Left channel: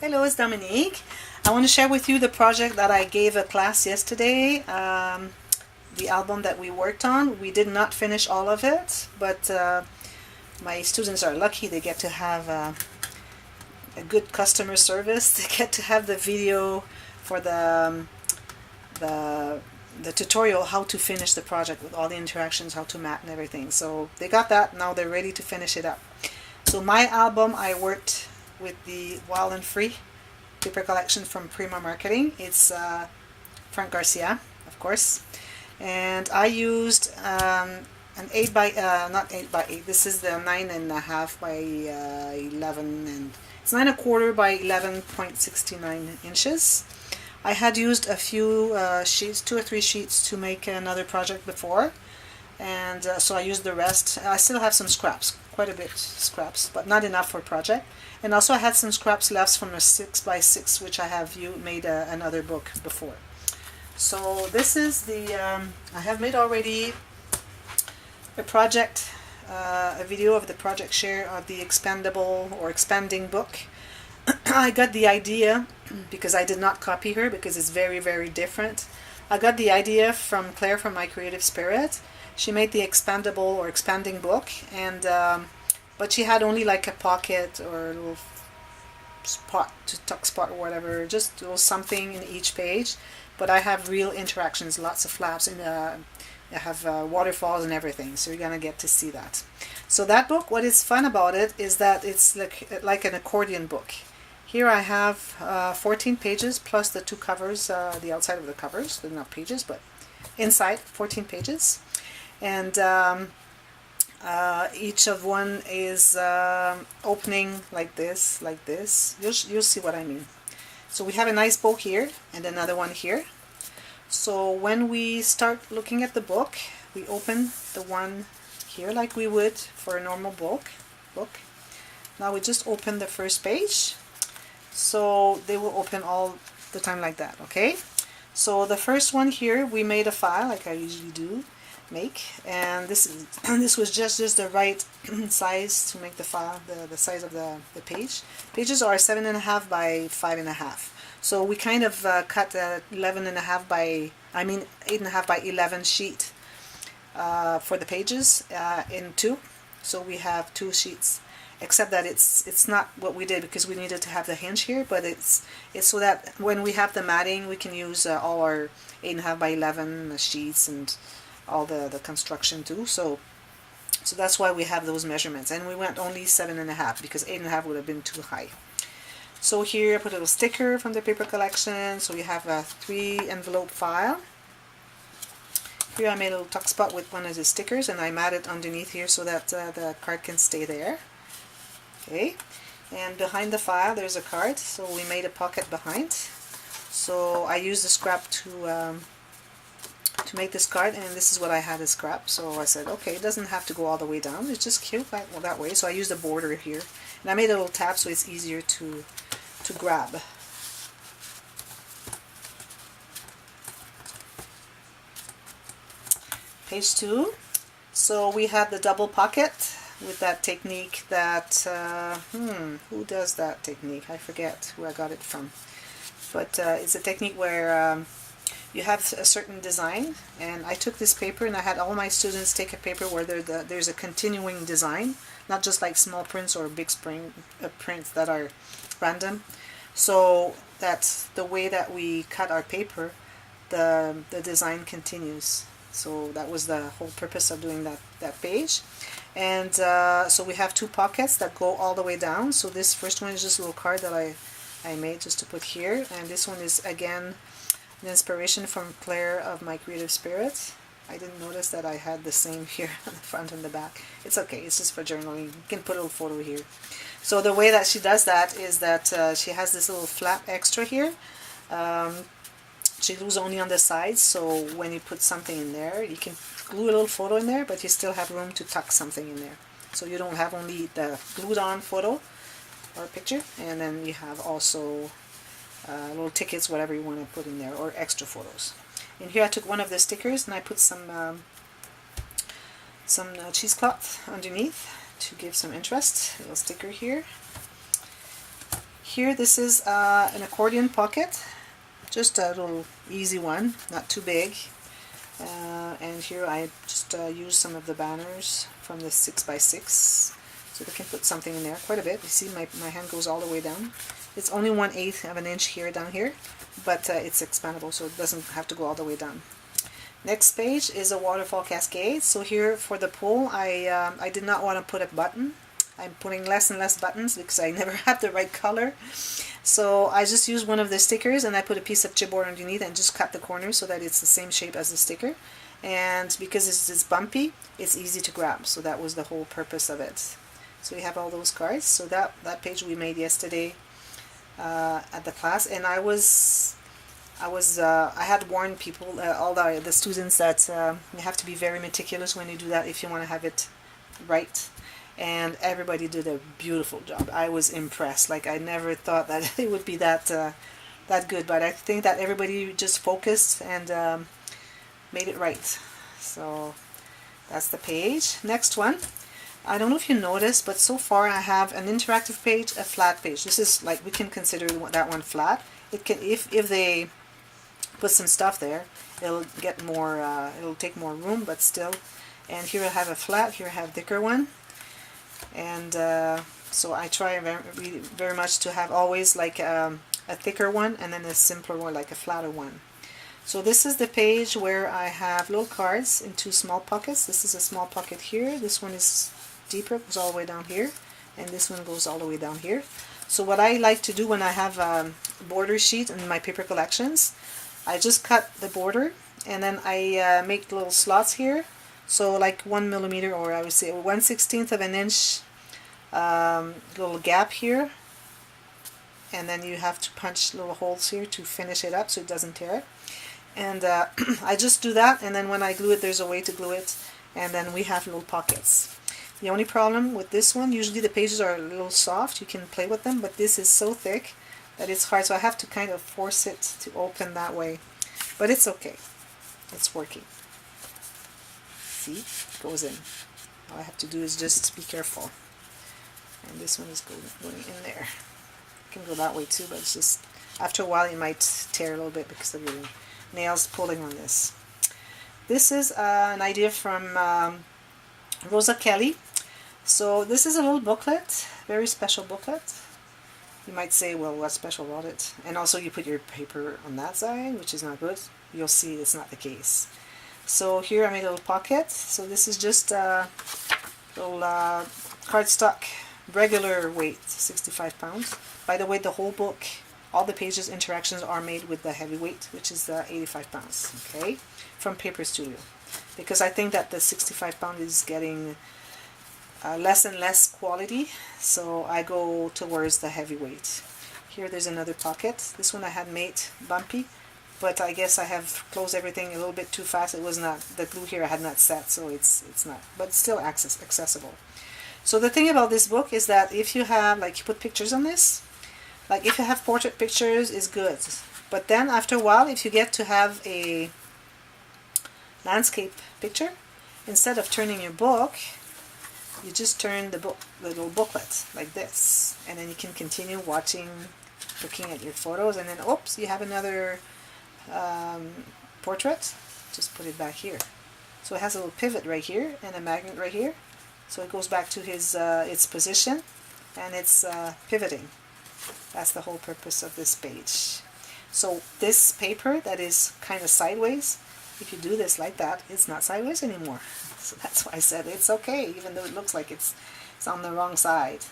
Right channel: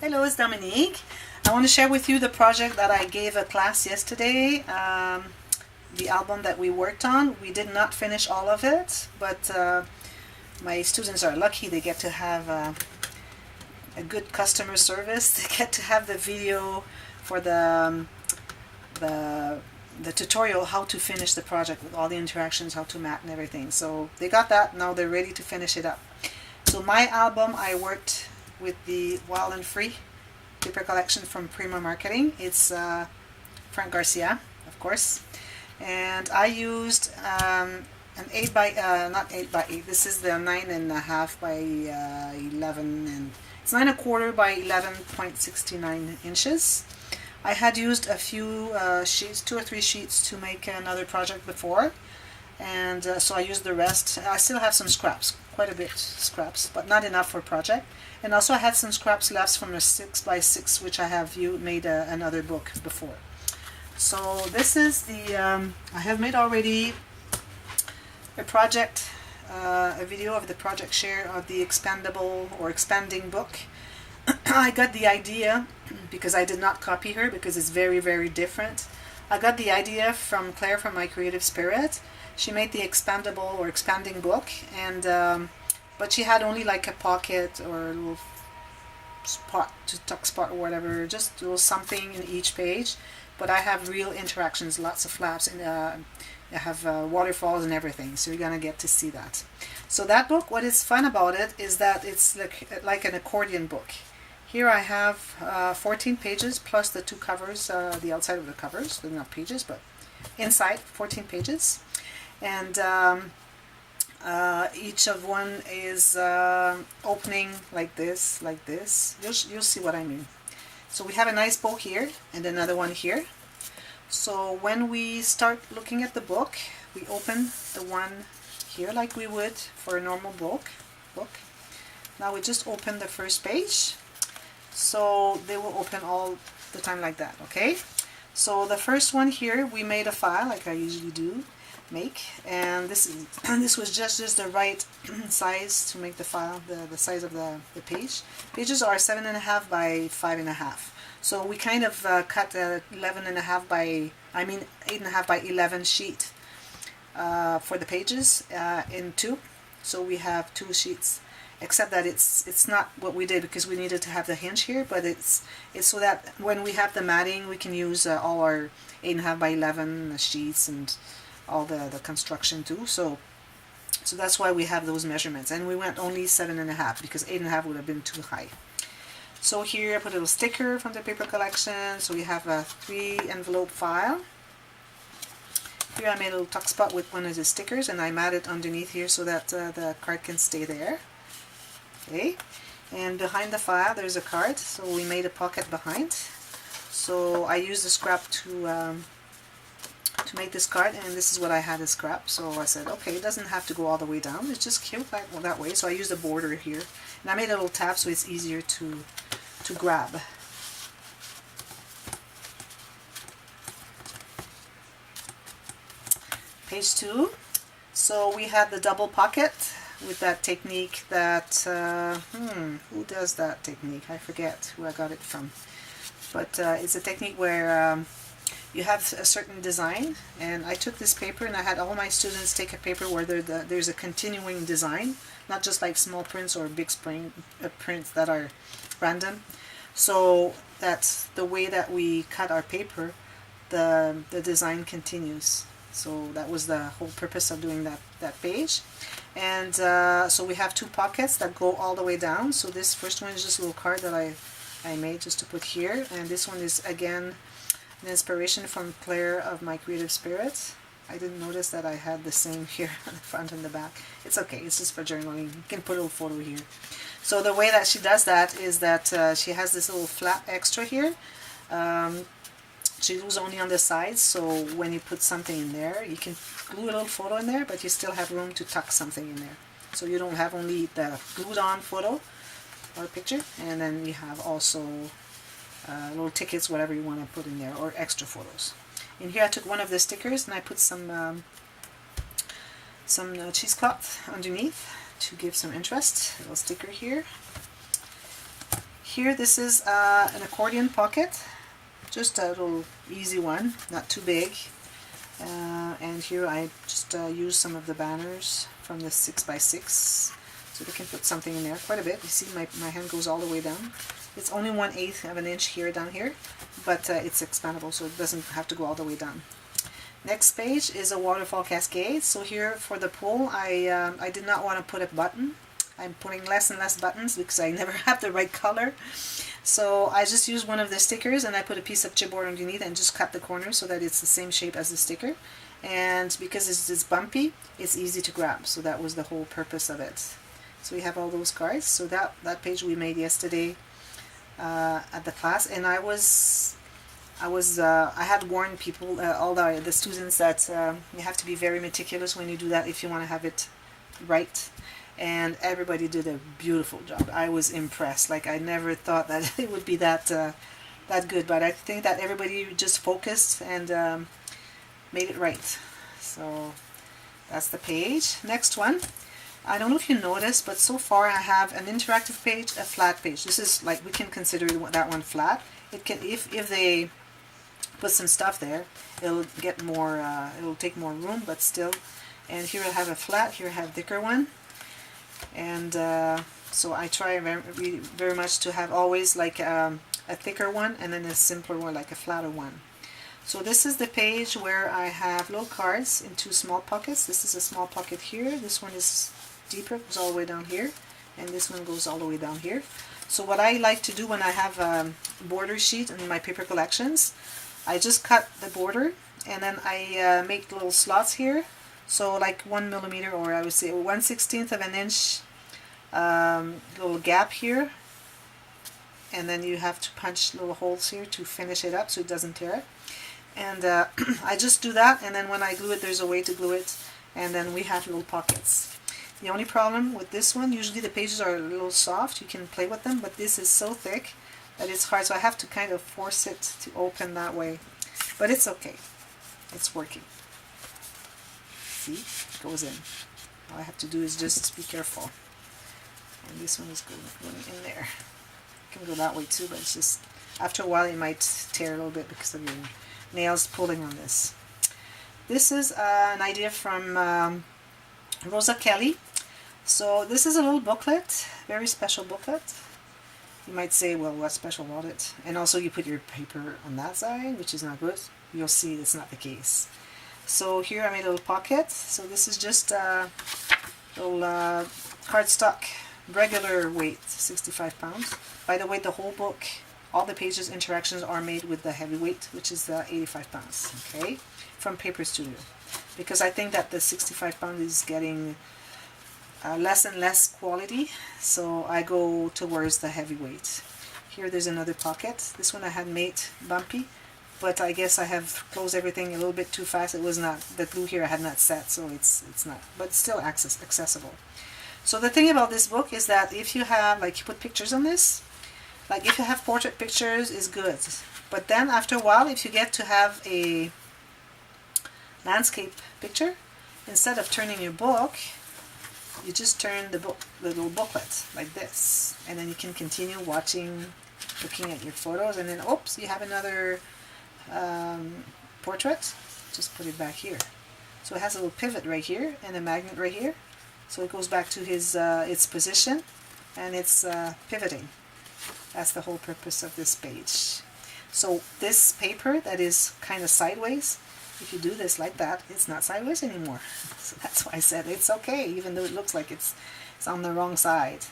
Hello, it's Dominique. I want to share with you the project that I gave a class yesterday, the album that we worked on. We did not finish all of it, but my students are lucky. They get to have a good customer service. They get to have the video for the tutorial how to finish the project with all the interactions, how to mat and everything. So they got that. Now they're ready to finish it up. So my album, I worked with the Wild and Free paper collection from Prima marketing. It's Frank Garcia, of course, and I used an 8 by not 8 by 8. This is the 9.5 by 11, and it's 9.25 by 11.69 inches. I had used a few sheets, 2 or 3 sheets, to make another project before, and so I used the rest. I still have some scraps, quite a bit scraps, but not enough for a project. And also I had some scraps left from a 6 by 6, which I have made another book before. So this is the, I have made already a project, a video of the project share of the expandable or expanding book. I got the idea, because I did not copy her, because it's very, very different. I got the idea from Claire from My Creative Spirit. She made the expandable or expanding book, and but she had only like a pocket or a little spot, tuck spot or whatever, just a little something in each page. But I have real interactions, lots of flaps, and I have waterfalls and everything, so you're gonna get to see that. So that book, what is fun about it is that it's like an accordion book. Here I have 14 pages plus the 2 covers, the outside of the covers. They're not pages, but inside 14 pages, and each of one is opening like this, like this. You'll see what I mean. So we have a nice bow here and another one here. So when we start looking at the book, we open the one here like we would for a normal book. Now we just open the first page. So they will open all the time like that, okay? So the first one here, we made a file like I usually do make, and this was just the right size to make the file, the size of the page. Pages are 7.5 by 5.5. So we kind of cut 11.5 by, 8.5 by 11 sheet for the pages in 2. So we have 2 sheets, except that it's not what we did because we needed to have the hinge here, but it's so that when we have the matting, we can use all our 8.5 by 11 sheets and all the construction too. So that's why we have those measurements, and we went only 7.5 because 8.5 would have been too high. So here I put a little sticker from the paper collection. So we have a 3 envelope file. Here I made a little tuck spot with one of the stickers, and I matted underneath here so that the card can stay there. Okay, and behind the file there's a card, so we made a pocket behind. So I used the scrap to make this card, and this is what I had as scrap. So I said, okay, it doesn't have to go all the way down, it's just cute that way. So I used a border here, and I made a little tab so it's easier to grab. Page 2. So we had the double pocket with that technique that who does that technique? I forget who I got it from, but it's a technique where you have a certain design, and I took this paper and I had all my students take a paper where there's a continuing design, not just like small prints or big prints that are random. So that's the way that we cut our paper, the design continues. So that was the whole purpose of doing that page. And so we have 2 pockets that go all the way down. So this first one is just a little card that I made just to put here, and this one is again an inspiration from Claire of My Creative Spirit. I didn't notice that I had the same here on the front and the back. It's okay, it's just for journaling. You can put a little photo here. So the way that she does that is that she has this little flap extra here. She glues only on the sides, so when you put something in there, you can glue a little photo in there, but you still have room to tuck something in there. So you don't have only the glued on photo or picture, and then you have also little tickets, whatever you want to put in there, or extra photos. In here I took one of the stickers and I put some cheesecloth underneath to give some interest. A little sticker here. here, this is an accordion pocket, just a little easy one, not too big. And here I just use some of the banners from the 6x6, so they can put something in there, quite a bit. You see my hand goes all the way down. It's only 1/8 of an inch here down here, but it's expandable, so it doesn't have to go all the way down. Next page is a waterfall cascade. So here for the pull, I did not want to put a button. I'm putting less and less buttons because I never had the right color. So I just used one of the stickers and I put a piece of chipboard underneath and just cut the corners so that it's the same shape as the sticker. And because it's bumpy, it's easy to grab. So that was the whole purpose of it. So we have all those cards. So that page we made yesterday at the class, and I had warned people, all the students, that you have to be very meticulous when you do that if you want to have it right. And everybody did a beautiful job. I was impressed. Like, I never thought that it would be that good, but I think that everybody just focused and made it right. So that's the page. Next one. I don't know if you noticed, but so far I have an interactive page, a flat page. This is like, we can consider that one flat. It can, if they put some stuff there, it'll get more, it'll take more room, but still. And here I have a flat, here I have a thicker one. And so I try very much to have always like a thicker one and then a simpler one, like a flatter one. So this is the page where I have little cards in 2 small pockets. This is a small pocket here. This one is deeper, goes all the way down here, and this one goes all the way down here. So what I like to do when I have a border sheet in my paper collections, I just cut the border and then I make little slots here. So like 1 millimeter, or I would say 1/16 of an inch little gap here, and then you have to punch little holes here to finish it up so it doesn't tear. And I just do that, and then when I glue it, there's a way to glue it, and then we have little pockets. The only problem with this one, usually the pages are a little soft, you can play with them, but this is so thick that it's hard, so I have to kind of force it to open that way. But it's okay, it's working. See, it goes in. All I have to do is just be careful. And this one is going in there. It can go that way too, but it's just, after a while it might tear a little bit because of your nails pulling on this. This is an idea from Rosa Kelly. So this is a little booklet, very special booklet. You might say, well, what's special about it? And also you put your paper on that side, which is not good. You'll see it's not the case. So here I made a little pocket. So this is just a little cardstock, regular weight, 65 pounds. By the way, the whole book, all the pages, interactions are made with the heavy weight, which is 85 pounds, okay, from Paper Studio. Because I think that the 65 pound is getting less and less quality, so I go towards the heavy weight. Here there's another pocket. This one I had made bumpy, but I guess I have closed everything a little bit too fast. It was not, the glue here I had not set, so it's not, but still accessible. So the thing about this book is that if you have, like, you put pictures on this, like if you have portrait pictures, is good. But then after a while, if you get to have a landscape picture, instead of turning your book, you just turn the little booklet like this, and then you can continue watching, looking at your photos, and then oops, you have another portrait. Just put it back here. So it has a little pivot right here and a magnet right here, so it goes back to its position, and it's pivoting. That's the whole purpose of this page. So this paper that is kind of sideways, if you do this like that, it's not sideways anymore. So that's why I said it's okay, even though it looks like it's on the wrong side.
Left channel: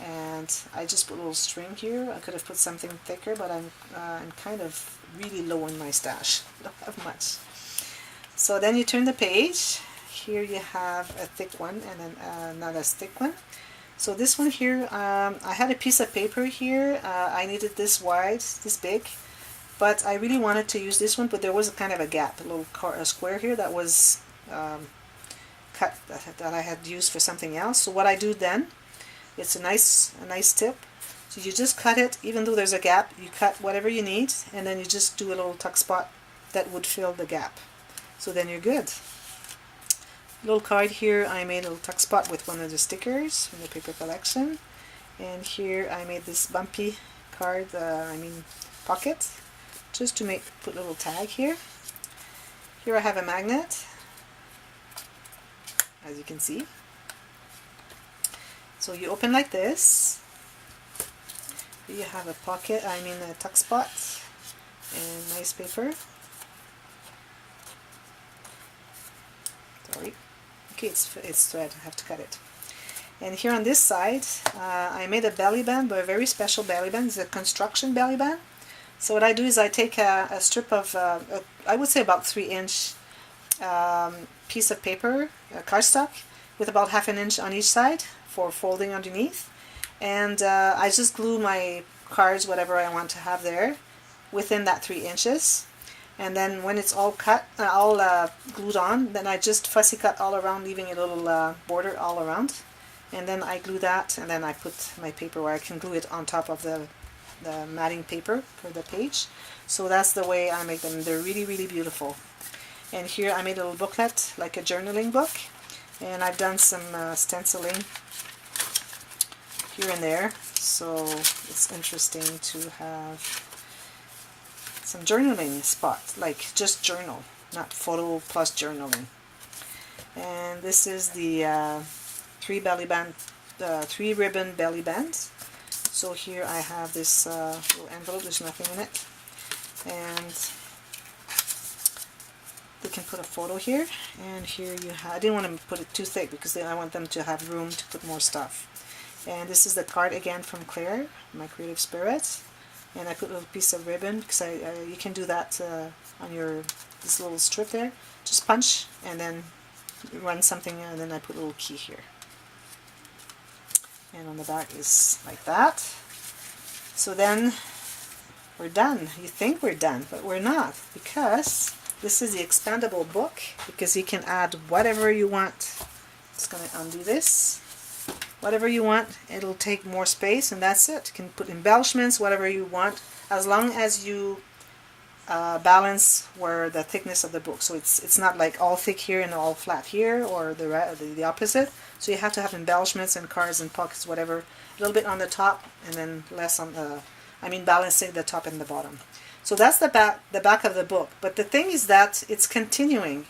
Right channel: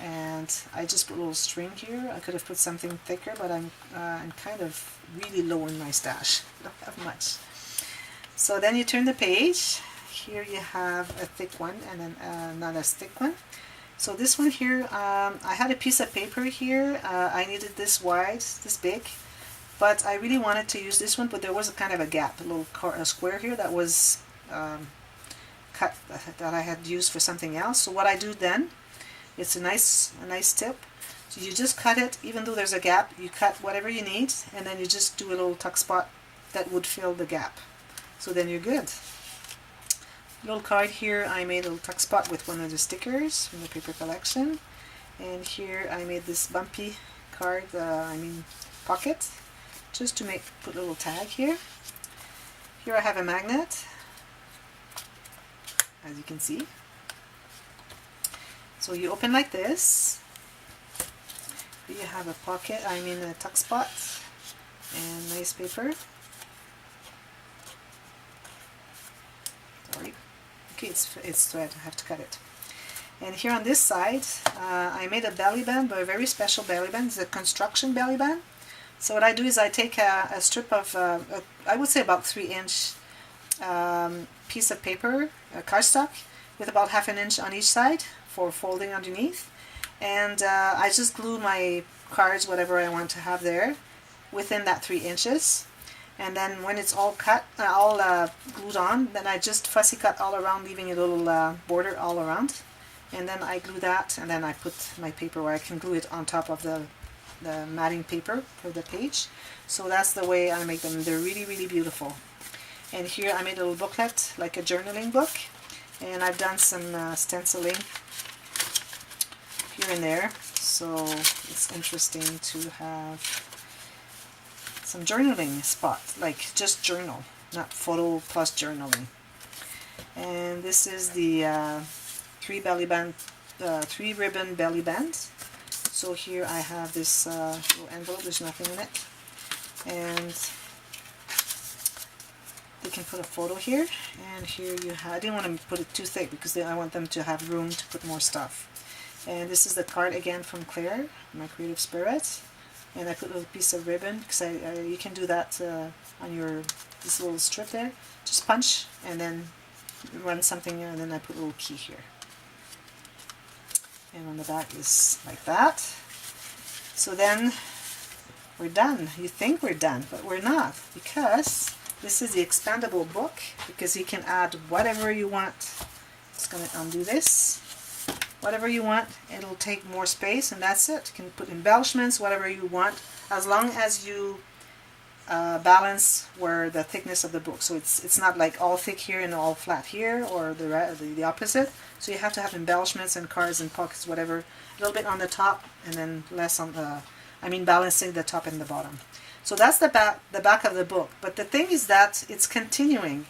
And I just put a little string here. I could have put something thicker, but I'm kind of really low in my stash. I don't have much. So then you turn the page. Here you have a thick one and then not as thick one. So this one here, I had a piece of paper here. I needed this wide, this big, but I really wanted to use this one, but there was a kind of a gap, a little square here that was cut, that I had used for something else. So what I do then, it's a nice tip. So you just cut it, even though there's a gap, you cut whatever you need, and then you just do a little tuck spot that would fill the gap. So then you're good. Little card here, I made a little tuck spot with one of the stickers from the paper collection, And here I made this bumpy card, pocket, just to put a little tag here. Here I have a magnet, as you can see. So you open like this. Here you have a pocket, a tuck spot, and nice paper. Sorry. Okay, it's thread, I have to cut it. And here on this side, I made a belly band, but a very special belly band. It's a construction belly band. So what I do is I take a strip of, I would say about 3-inch piece of paper, cardstock, with about 1/2 inch on each side for folding underneath. And I just glue my cards, whatever I want to have there, within that 3 inches. And then when it's all cut, all glued on, then I just fussy cut all around, leaving a little border all around. And then I glue that, and then I put my paper where I can glue it on top of the matting paper for the page. So that's the way I make them. They're really, really beautiful. And here I made a little booklet, like a journaling book. And I've done some stenciling here and there. So it's interesting to have some journaling spot, like just journal, not photo plus journaling. And this is the 3 ribbon belly band. So here I have this little envelope, there's nothing in it, and we can put a photo here. And here you have, I didn't want to put it too thick because I want them to have room to put more stuff. And this is the card again from Claire, my creative spirit. And I put a little piece of ribbon because you can do that on this little strip there. Just punch and then run something, and then I put a little key here. And on the back is like that. So then we're done. You think we're done, but we're not, because this is the expandable book, because you can add whatever you want. Just going to undo this. Whatever you want, it'll take more space, and that's it. You can put embellishments, whatever you want, as long as you balance where the thickness of the book. So it's not like all thick here and all flat here, or the opposite. So you have to have embellishments and cards and pockets, whatever, a little bit on the top and then less on the, balancing the top and the bottom. So that's the back of the book. But the thing is that it's continuing.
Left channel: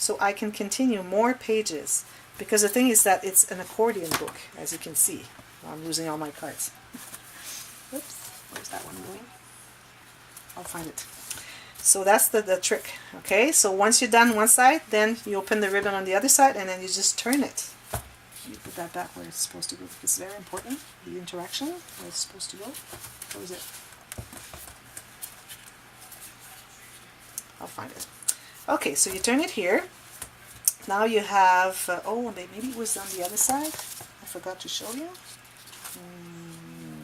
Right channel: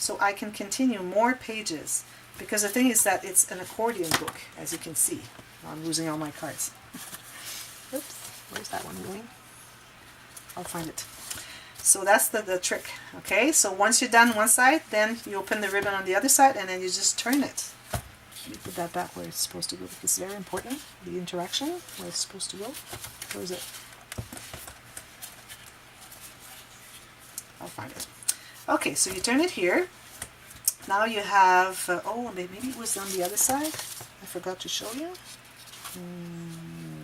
So I can continue more pages, because the thing is that it's an accordion book, as you can see. I'm losing all my cards. Oops, where's that one going? I'll find it. So that's the trick. Okay, so once you're done one side, then you open the ribbon on the other side, and then you just turn it. You put that back where it's supposed to go, because it's very important, the interaction, where it's supposed to go. Where is it? I'll find it. Okay, so you turn it here. Now you have, oh, maybe it was on the other side. I forgot to show you.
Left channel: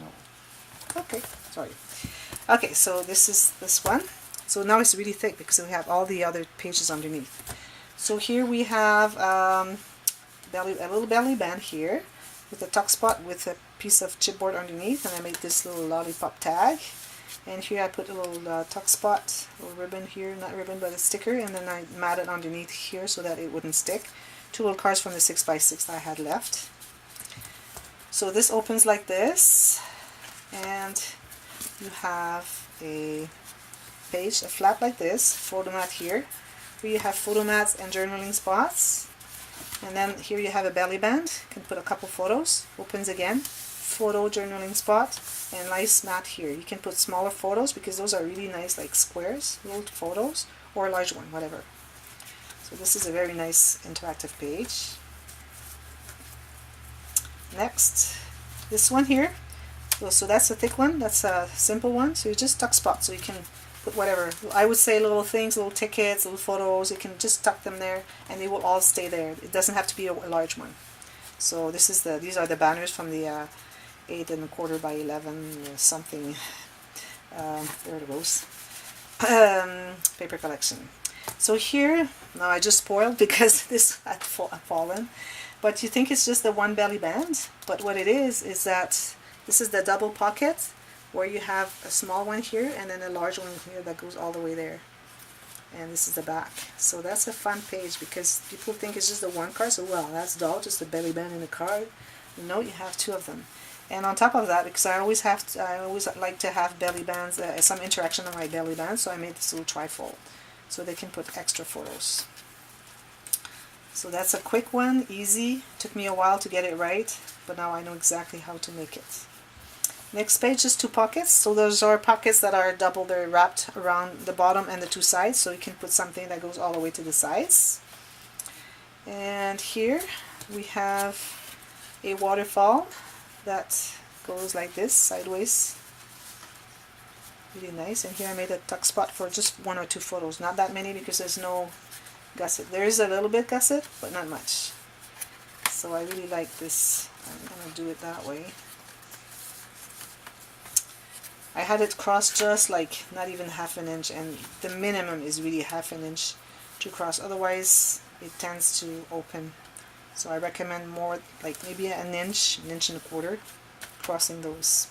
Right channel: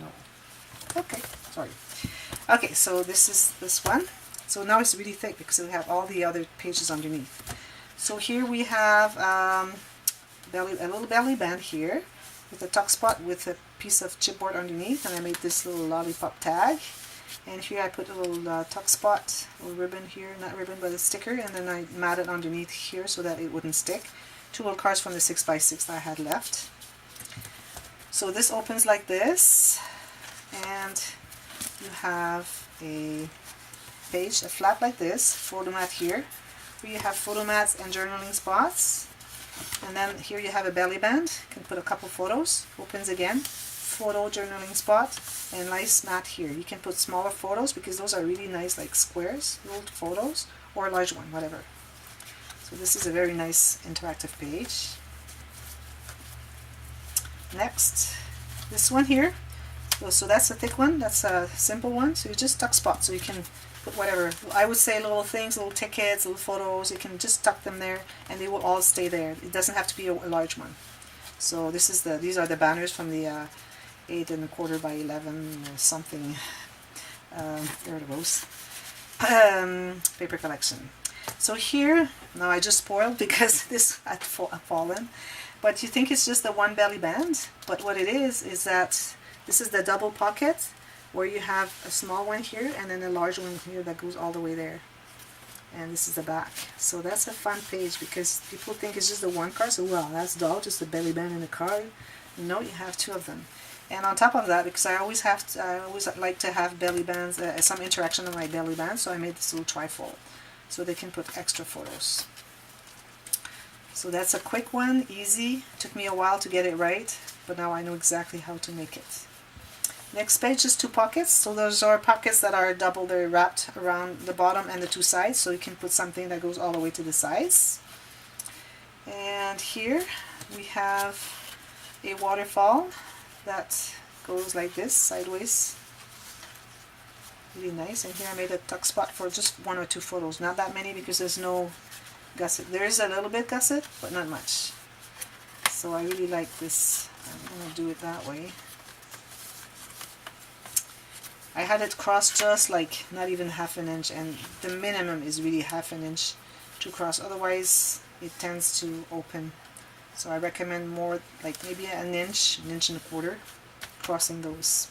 No. Okay, sorry. Okay, so this is this one. So now it's really thick because we have all the other pages underneath. So here we have a little belly band here with a tuck spot with a piece of chipboard underneath, and I made this little lollipop tag. And here I put a little tuck spot, a little ribbon here, not ribbon but a sticker, and then I matted underneath here so that it wouldn't stick. 2 little cards from the 6x6 that I had left. So this opens like this, and you have a page, a flap like this, photo mat here, where you have photo mats and journaling spots. And then here you have a belly band, you can put a couple photos, opens again, photo journaling spot, and nice mat here. You can put smaller photos because those are really nice, like squares, little photos, or a large one, whatever. So this is a very nice interactive page. Next, this one here. So that's a thick one, that's a simple one. So you just tuck spots, so you can put whatever. I would say little things, little tickets, little photos. You can just tuck them there, and they will all stay there. It doesn't have to be a large one. So this is these are the banners from the 8 1/4 by 11 something. There it goes. Paper collection. So here, now I just spoiled because this had fallen. But you think it's just the one belly band, but what it is that this is the double pocket, where you have a small one here and then a large one here that goes all the way there. And this is the back. So that's a fun page, because people think it's just the one card. So, well, that's dull, just the belly band and the card. No, you have 2 of them. And on top of that, because I always like to have belly bands, some interaction on my belly band, so I made this little trifold so they can put extra photos. So that's a quick one, easy. Took me a while to get it right, but now I know exactly how to make it. Next page is 2 pockets. So those are pockets that are double, they're wrapped around the bottom and the 2 sides, so you can put something that goes all the way to the sides. And here we have a waterfall that goes like this, sideways. Really nice. And here I made a tuck spot for just 1 or 2 photos. Not that many because there's no gusset. There is a little bit gusset, but not much. So I really like this. I'm going to do it that way. I had it crossed just like not even half an inch, and the minimum is really half an inch to cross, otherwise it tends to open. So I recommend more, like maybe an inch and a quarter crossing those.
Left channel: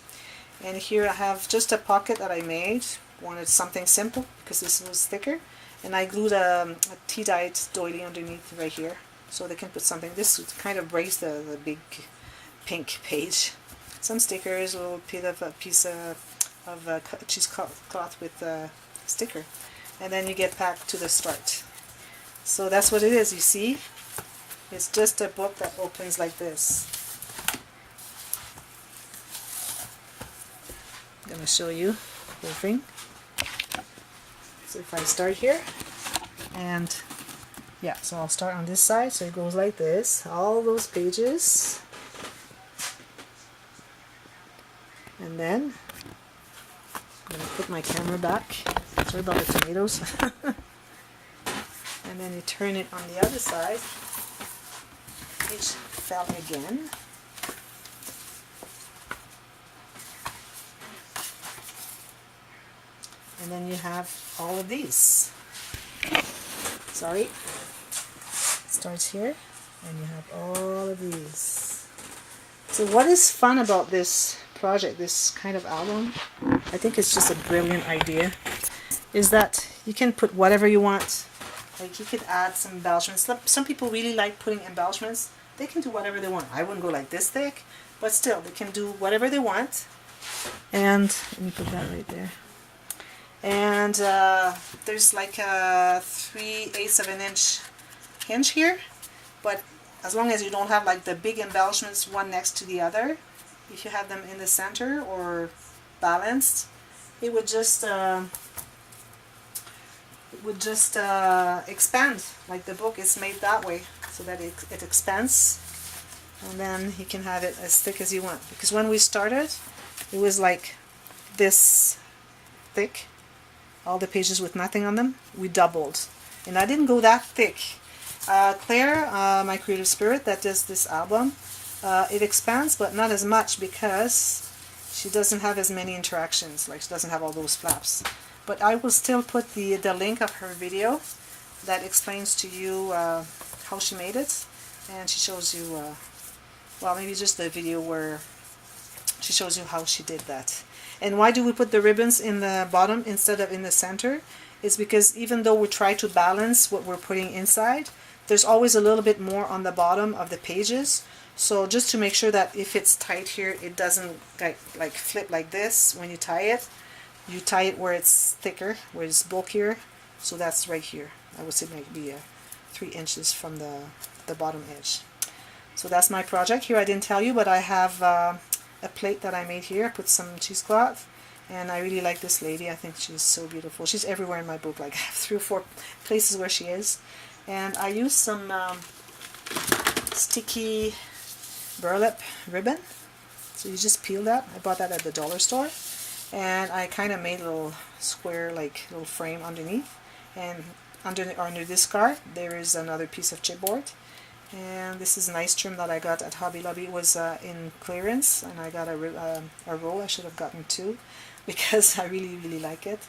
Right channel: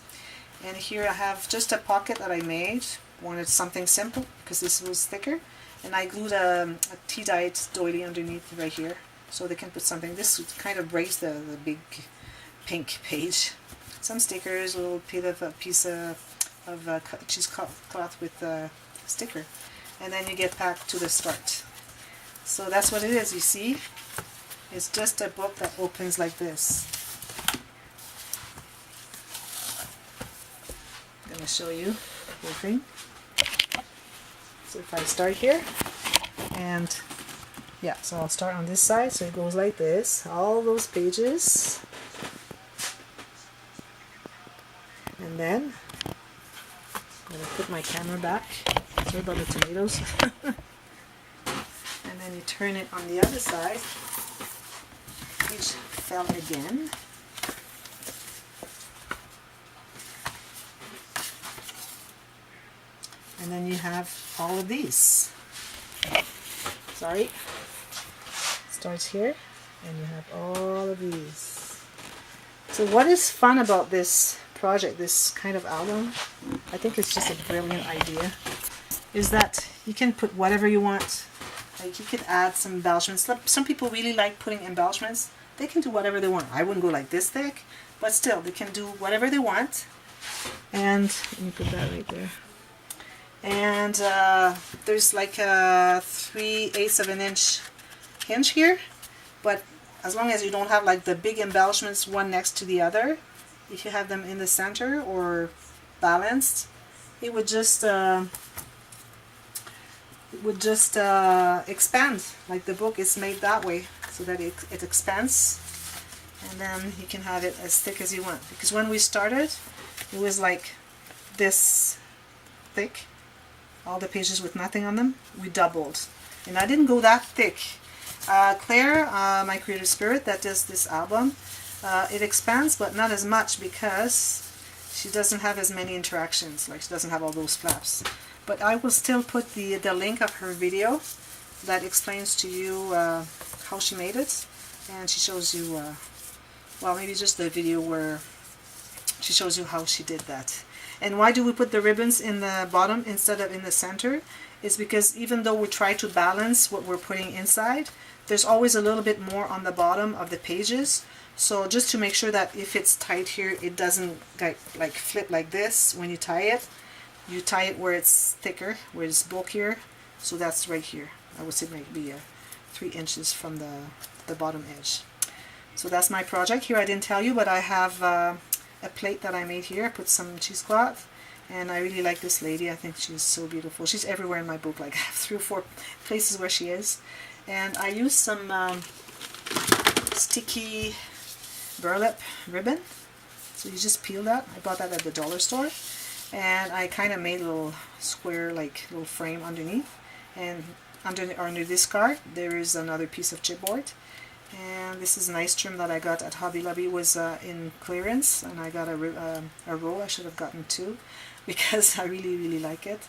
And here I have just a pocket that I made. Wanted something simple because this was thicker, and I glued a tea-dyed doily underneath right here so they can put something. This kind of breaks the big pink page. Some stickers, a little piece of cheesecloth with a sticker, and then you get back to the start. So that's what it is. You see, it's just a book that opens like this. I'm going to show you the whole thing. So if I start here, and yeah, so I'll start on this side, so it goes like this, all those pages, and then I'm going to put my camera back. Sorry about the tomatoes. And then you turn it on the other side. Page fell again. And then you have all of these. Sorry. It starts here, and you have all of these. So what is fun about this project, this kind of album, I think it's just a brilliant idea, is that you can put whatever you want. Like you could add some embellishments. Some people really like putting embellishments. They can do whatever they want. I wouldn't go like this thick, but still they can do whatever they want. And let me put that right there. And there's like a 3/8 of an inch hinge here, but as long as you don't have like the big embellishments one next to the other, if you have them in the center or balanced, it would just expand. Like the book is made that way so that it expands, and then you can have it as thick as you want. Because when we started, it was like this thick, all the pages with nothing on them. We doubled, and I didn't go that thick. Claire, my creative spirit that does this album, it expands, but not as much because she doesn't have as many interactions. Like she doesn't have all those flaps. But I will still put the link of her video that explains to you how she made it, and she shows you, well, maybe just the video where she shows you how she did that. And why do we put the ribbons in the bottom instead of in the center? It's because even though we try to balance what we're putting inside, there's always a little bit more on the bottom of the pages. So just to make sure that if it's tight here, it doesn't like flip like this when you tie it. You tie it where it's thicker, where it's bulkier. So that's right here. I would say maybe 3 inches from the bottom edge. So that's my project. Here I didn't tell you, but I have a plate that I made here. I put some cheesecloth, and I really like this lady. I think she's so beautiful. She's everywhere in my book. Like I have 3 or 4 places where she is. And I used some sticky burlap ribbon. So you just peel that. I bought that at the dollar store. And I kind of made a little square, like little frame underneath. And under this card, there is another piece of chipboard. And this is a nice trim that I got at Hobby Lobby. It was in clearance, and I got a roll. I should have gotten 2 because I really, really like it.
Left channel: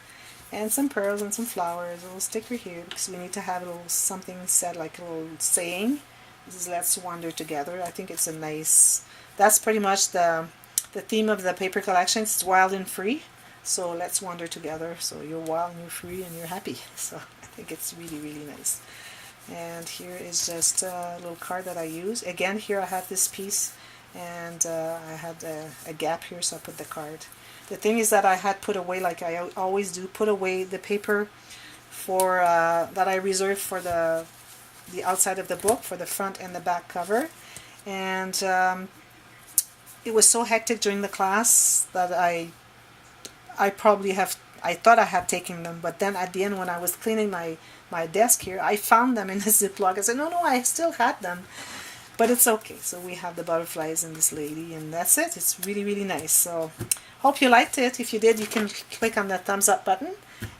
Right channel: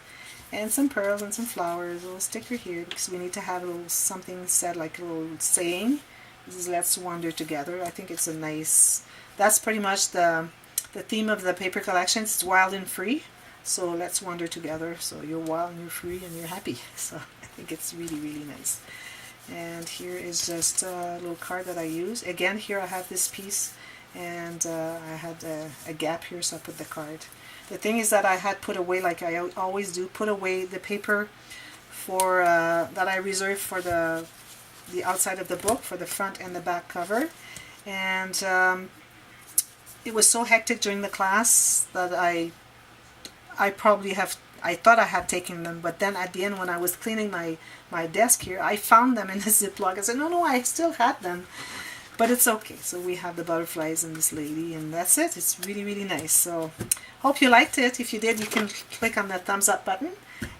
And some pearls and some flowers, a little sticker here because we need to have a little something said, like a little saying. This is Let's Wander Together. I think it's a nice, that's pretty much the theme of the paper collection. It's wild and free. So let's wander together. So you're wild and you're free and you're happy. So I think it's really, really nice. And here is just a little card that I use. Again, here I have this piece, and I had a gap here, so I put the card. The thing is that I had put away, like I always do, put away the paper for that I reserved for the outside of the book, for the front and the back cover. And it was so hectic during the class that I thought I had taken them, but then at the end when I was cleaning my desk here, I found them in the Ziploc. I said, no, I still had them. But it's okay. So we have the butterflies and this lady, and that's it. It's really, really nice. So hope you liked it. If you did, you can click on that thumbs up button.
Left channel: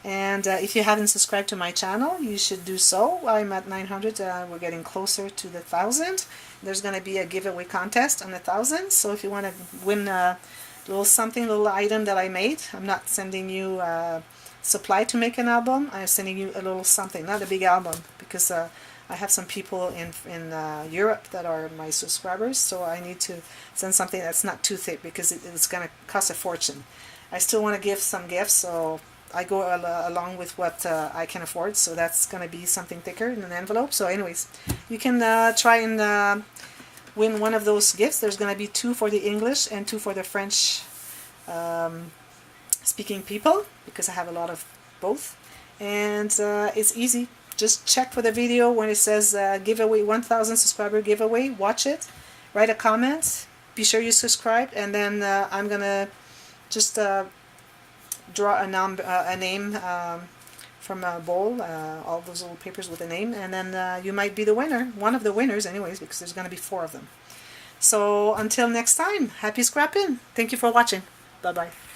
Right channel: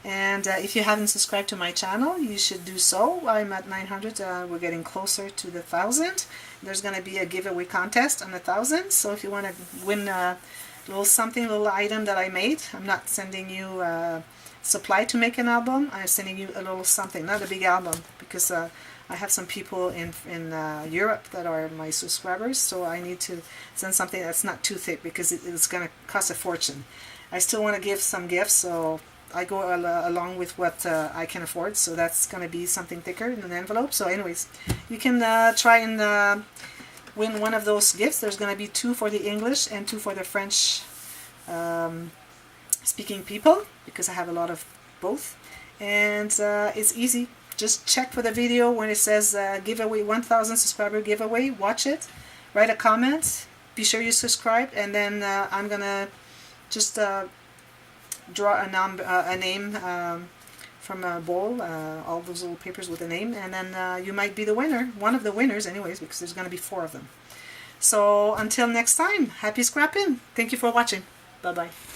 And if you haven't subscribed to my channel, you should do so. I'm at 900. We're getting closer to the 1,000. There's going to be a giveaway contest on 1,000. So if you want to win a little item that I made, I'm not sending you supply to make an album. I'm sending you a little something, not a big album, because I have some people in Europe that are my subscribers, so I need to send something that's not too thick because it's going to cost a fortune. I still want to give some gifts, so I go along with what I can afford, so that's going to be something thicker in an envelope. So anyways, you can try and win one of those gifts. There's going to be 2 for the English and 2 for the French speaking people, because I have a lot of both. And it's easy. Just check for the video when it says giveaway, 1,000 subscriber giveaway. Watch it, write a comment, be sure you subscribe, and then I'm gonna just draw a name from a bowl, all those little papers with a name, and then you might be the winner, one of the winners anyways, because there's gonna be 4 of them. So until next time, happy scrapping. Thank you for watching. Bye bye.